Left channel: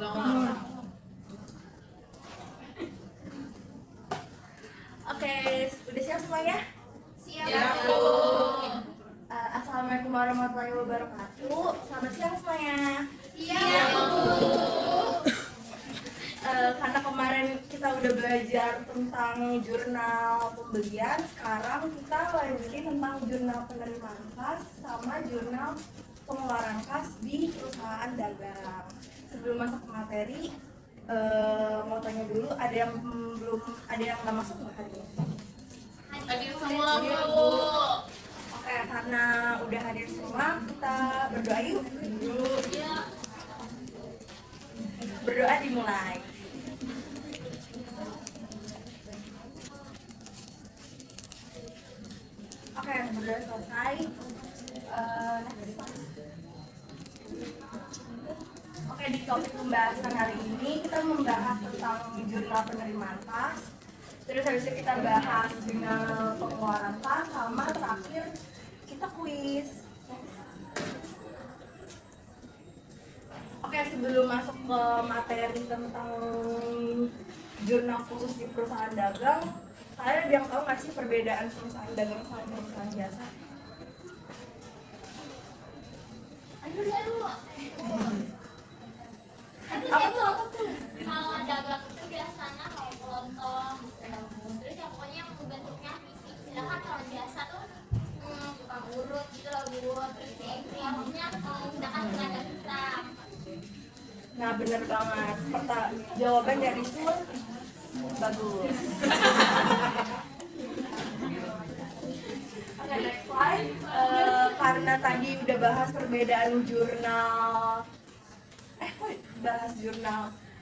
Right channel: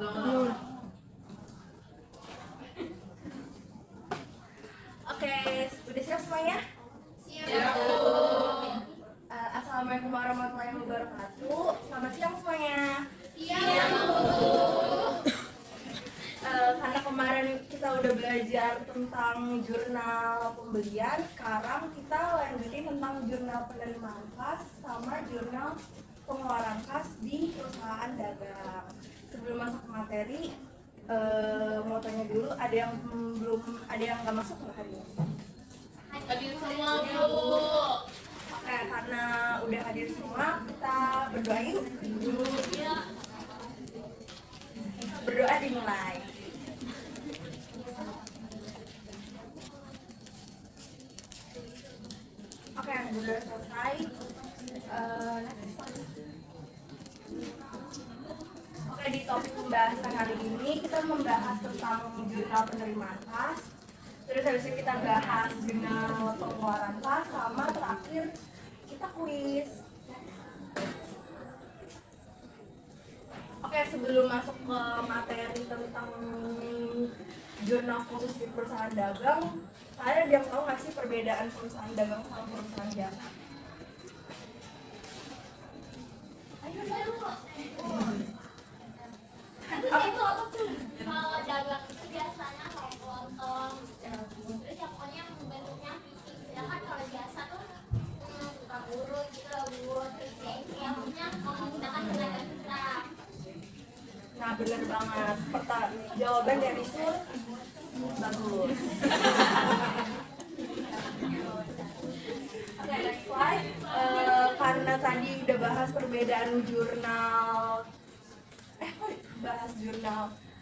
Oke, udah siap semuanya? Siap. Assalamualaikum warahmatullahi wabarakatuh. Selamat siang semuanya. Siap. Karena kemarin kita udah belajar tentang jurnal pembelian, sekarang kita lanjutin tentang jurnal penerimaan kas sama jurnal pengeluaran kas di perusahaan dagang. Sebelum masuk ke materi, mau tanya dulu, ada yang nggak masuk nggak hari ini? Hadir semua, Bu. Oke, karena udah hadir semua, kita berdoa yuk. Berdoa dimulai. Oke, berdoa selesai. Oke, di topik pembahasan hari ini kita membahas tentang jurnal penerimaan kas. Terus habis itu kita bahas jurnal pengeluaran kas, sama terakhir kita kuis. Oke, sebelum masuk ke materi tentang jurnal khusus di perusahaan dagang, kalian ada yang tahu nggak sih perbedaan perusahaan dagang sama perusahaan jasa? Apa tuh? Kalau dagang itu biasanya kayak kelontong, terus yang pokoknya yang bentuknya fisik. Sedangkan kalau jasa tuh buka huruf gitu loh, Bu. Terus yang punya menggunakan tenaga kita. Nah, bener banget. Jawaban dari Sur bagus. Oke, next slide. Karena tadi udah bahas perbedaan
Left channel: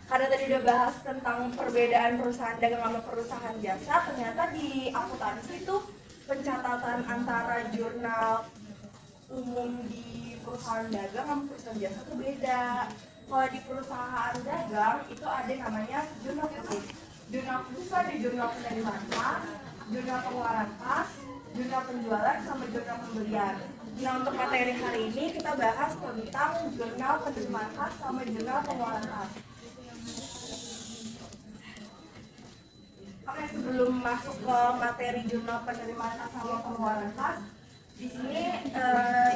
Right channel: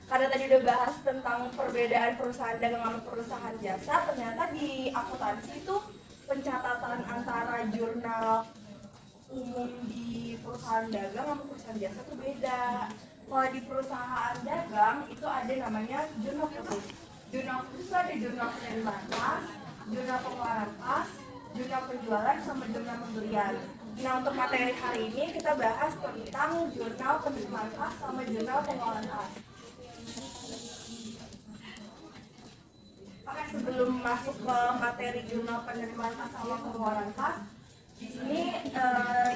karena tadi udah bahas tentang perbedaan perusahaan dagang sama perusahaan jasa, ternyata di akuntansi itu pencatatan antara jurnal umum di perusahaan dagang sama perusahaan jasa itu beda. Kalau di perusahaan dagang itu ada namanya jurnal khusus. Jurnal khusus ada jurnal penerimaan kas, jurnal pengeluaran kas, jurnal penjualan, sama jurnal pembelian. Nah, untuk materi hari ini kita bahas tentang jurnal penerimaan kas sama jurnal pengeluaran kas. Oke, sebelum masuk ke materi jurnal penerimaan kas sama pengeluaran kas, di sini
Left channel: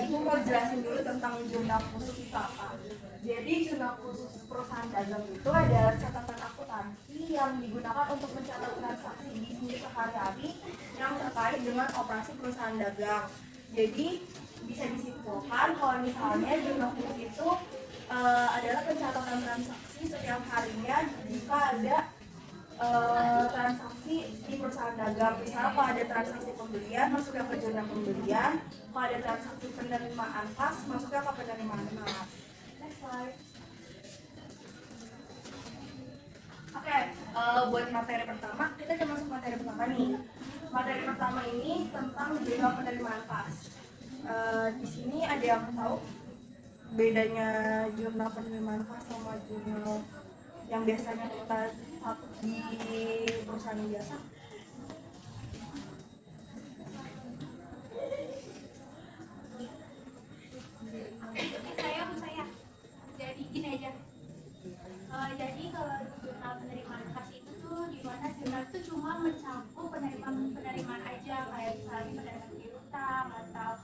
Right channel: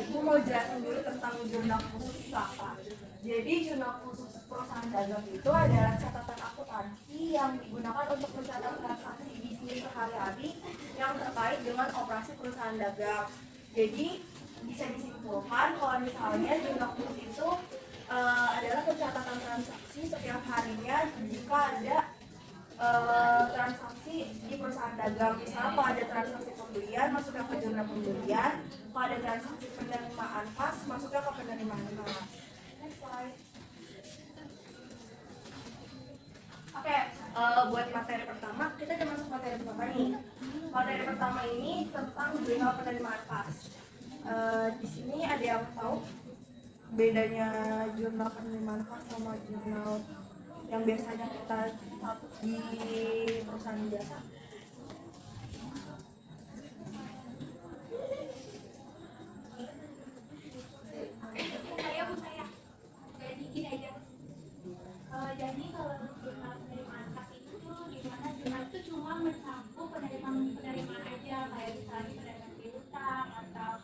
Ibu mau jelasin dulu tentang jurnal khusus itu apa. Jadi jurnal khusus perusahaan dagang itu adalah catatan akuntansi yang digunakan untuk mencatat transaksi bisnis sehari-hari yang terkait dengan operasi perusahaan dagang. Jadi bisa disimpulkan kalau misalnya jurnal khusus itu adalah pencatatan transaksi setiap harinya jika ada transaksi di perusahaan dagang. Misalnya kalau ada transaksi pembelian, masuknya ke jurnal pembelian. Kalau ada transaksi penerimaan kas, masuknya ke penerimaan kas. Next slide. Oke, buat materi pertama, kita udah masuk materi pertama nih. Materi pertama ini tentang jurnal penerimaan kas. Di sini ada yang tahu bedanya jurnal penerimaan kas sama jurnal yang biasanya kita di perusahaan jasa? Saya. Jadi gini aja. Jadi kalau jurnal penerimaan kas itu tuh di mana jurnal itu cuma mencakup penerimaan aja, kayak misalnya penerimaan piutang atau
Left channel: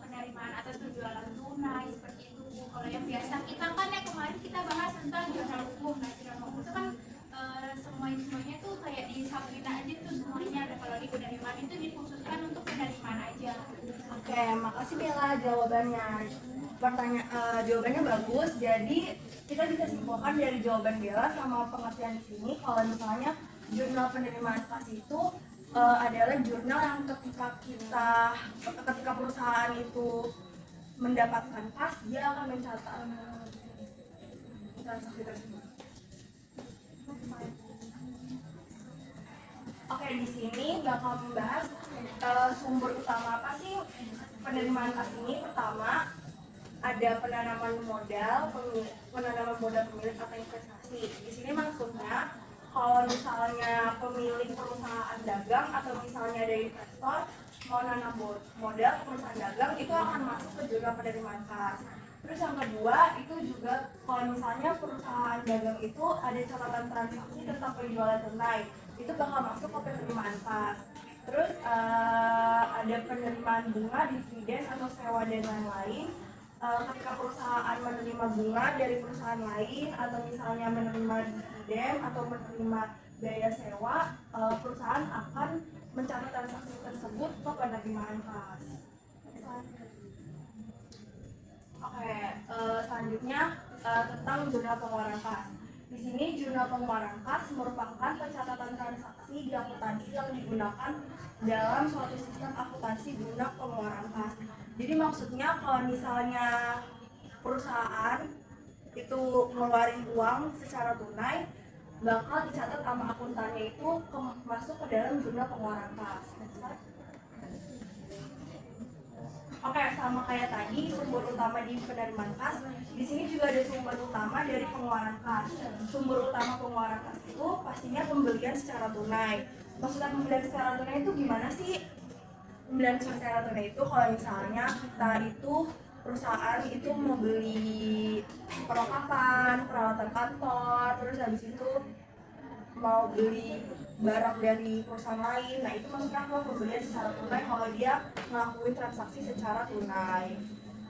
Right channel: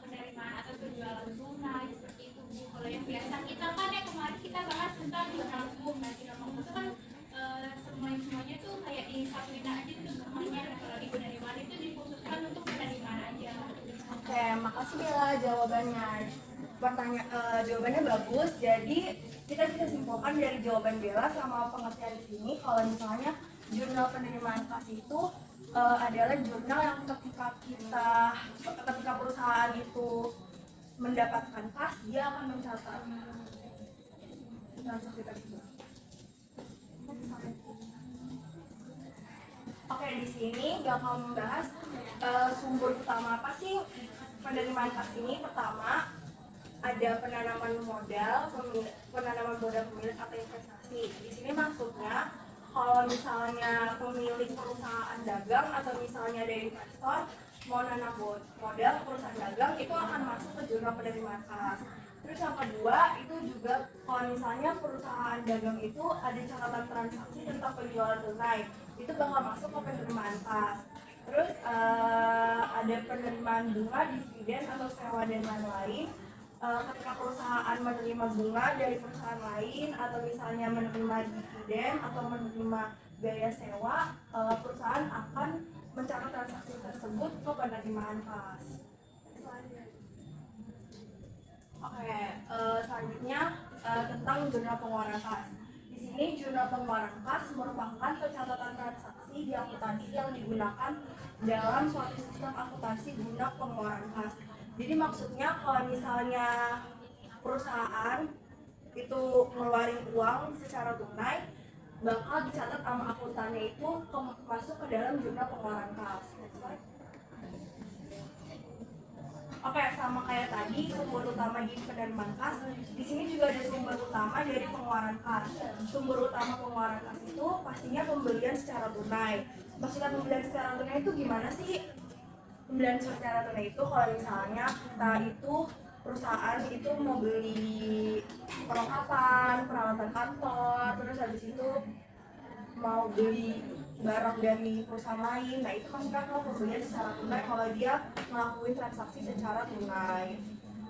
penerimaan atas penjualan tunai seperti itu, Bu. Kalau yang biasa kita kan kemarin kita bahas tentang jurnal umum. Nah, jurnal umum itu kan semuanya tuh kayak disatuin aja tuh semuanya. Nah, kalau di penerimaan itu dikhususkan untuk penerimaan aja. Oke, makasih Bella jawabannya. Jawabannya bagus. Jadi kita bisa simpulkan dari jawaban Bella sama pengertian di sini kalau misalnya jurnal penerimaan kas itu adalah jurnal yang ketika perusahaan itu mendapatkan kas, dia akan mencatat transaksi tersebut. Oke, di sini bakal membahas sumber utama apa sih penerimaan kas ini. Pertama, ada penanaman modal pemilik atau investasi. Di sini maksudnya kalau misalnya pemilik perusahaan dagang atau misalnya ada investor mau nanam modal perusahaan dagang, itu akan masuk ke jurnal penerimaan kas. Terus yang kedua itu juga kalau misalnya perusahaan dagang itu ada catatan transaksi tentang penjualan tunai, itu bakal masuk ke penerimaan kas. Terus ada penerimaan bunga, dividen atau sewa dan lain-lain. Ketika perusahaan menerima bunga dari perusahaan lain atau misalnya menerima dividen atau menerima biaya sewa, perusahaan akan mencatat transaksi tersebut ke penerimaan kas. Oke, selanjutnya tentang jurnal pengeluaran kas. Di sini jurnal pengeluaran kas merupakan pencatatan transaksi di akuntansi yang digunakan dalam suatu sistem akuntansi guna pengeluaran kas. Jadi maksudnya kalau misalnya perusahaan itu ngeluarin uang secara tunai, bakal dicatat sama akuntannya itu masuk ke dalam jurnal pengeluaran kas. Oke, sama kayak tadi sumber utama di penerimaan kas, di sini juga ada sumber utama dari pengeluaran kas. Sumber utama pengeluaran kas itu pastinya pembelian secara tunai. Maksudnya pembelian secara tunai itu gimana sih? Pembelian secara tunai itu kalau misalnya kita itu perusahaan itu mau beli perlengkapan, peralatan kantor, terus habis itu mau beli barang dari perusahaan lain, nah itu maksudnya kalau pembelian secara tunai kalau dia melakukan transaksi secara tunai.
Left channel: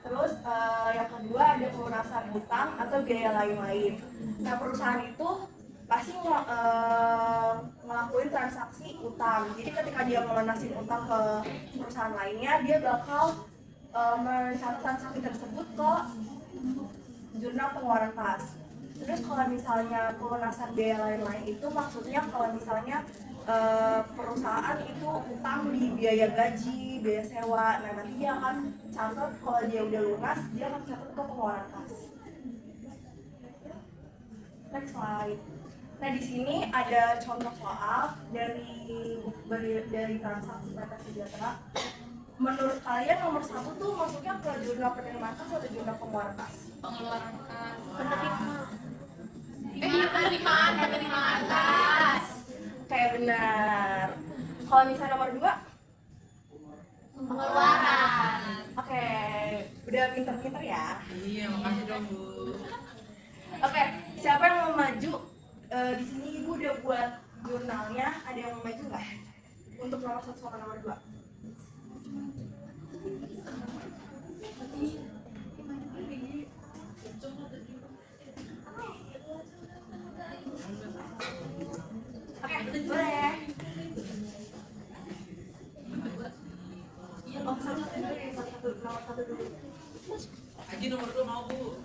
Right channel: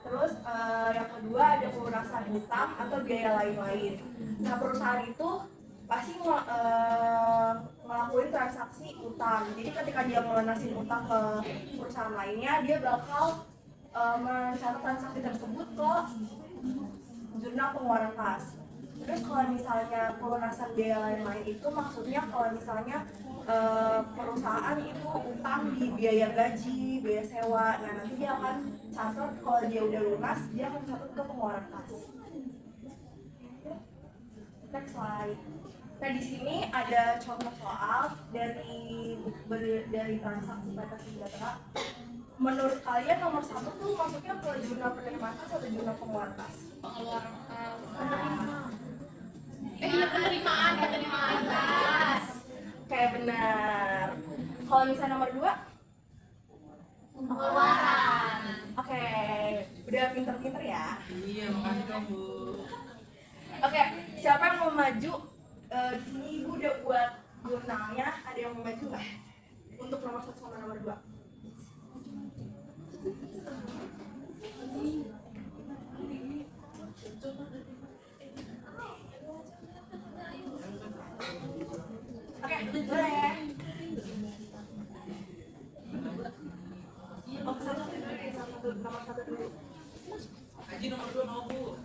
Terus yang kedua ada pelunasan utang atau biaya lain-lain. Nah perusahaan itu pasti ngelakuin transaksi utang. Jadi ketika dia melunasin utang ke perusahaan lainnya, dia bakal mencatat transaksi tersebut ke jurnal pengeluaran kas. Terus kalau misalnya pelunasan biaya lain-lain itu maksudnya kalau misalnya perusahaan itu utang di biaya gaji, biaya sewa, nah nanti dia akan catat kalau dia udah lunas, dia akan catat ke pengeluaran kas. Next slide. Nah di sini ada contoh soal dari transaksi PT Sejahtera. Menurut kalian nomor satu tuh masuknya ke jurnal penerimaan kas atau jurnal pengeluaran kas? Pengeluaran kas. Penerimaan kas. Kayak benar. Kalau misalnya nomor 2? Pengeluaran. Oke, udah pinter-pinter ya. Iya, makasih dong Bu. Oke, siapa yang mau maju? Di sini ibu udah buat jurnalnya. Ada yang mau maju nggak? Untuk nomor 1 sama nomor 2. Oke, boleh. Oh, satu dulu deh, nomor 1 dulu. Haji nomor 2 mau Bu.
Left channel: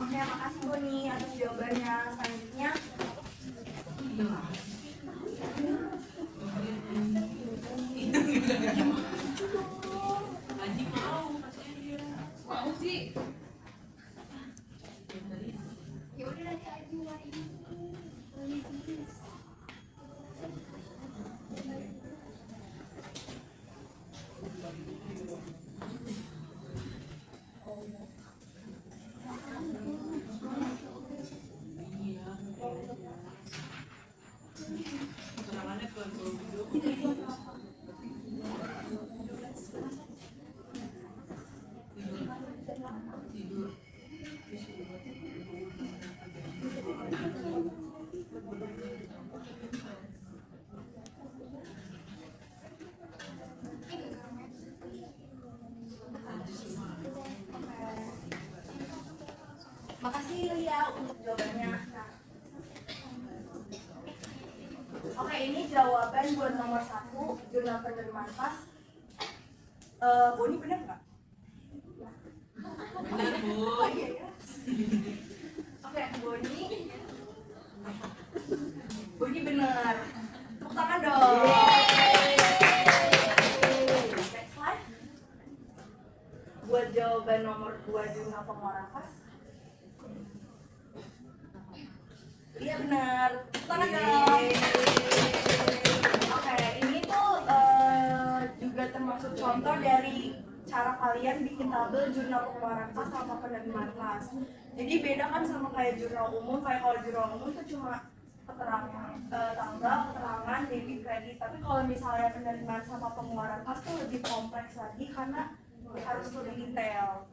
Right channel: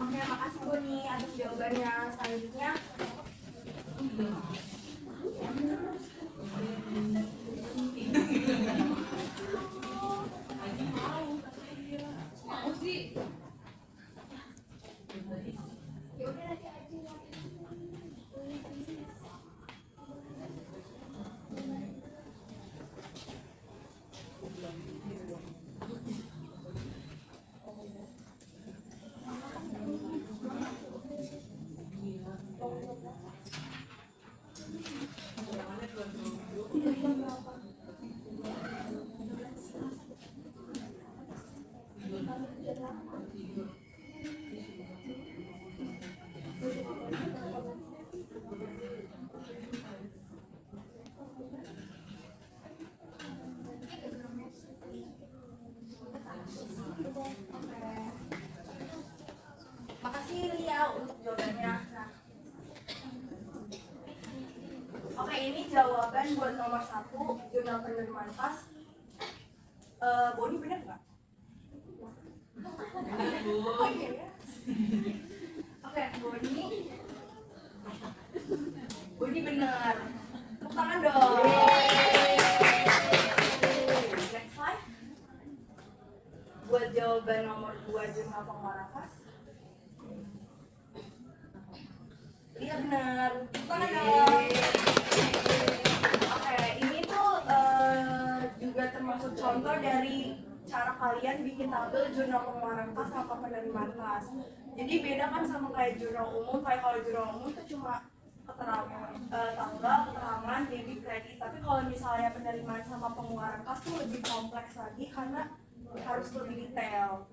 Oke, makasih Boni atas jawabannya. Selanjutnya Haji mau, kasihan dia. Mau sih. Ya udah nanti aja hari ini. Kekurangannya ke dulu. Tidur. jawaban buat nomor 1 jurnal penerimaan khas. Boni bener nggak? Benar, Bu. Oh iya ya. Oke, Boni bener. Tepuk tangan dong. Next slide. Buat jawaban nomor 2 jurnal pengeluaran khas. Iya benar. Tepuk tangan dong. Oke, ini tuh juga termasuk contoh dari cara kalian bikin tabel jurnal pengeluaran khas sama penerimaan khas. Jadi beda kan sama kayak jurnal umum. Kayak kalau jurnal umum tuh cuma keterangan tanggal, keterangan, debit, kredit. Tapi kalau misalnya penerimaan sama pengeluaran khas tuh lebih kompleks lagi karena harus lebih detail.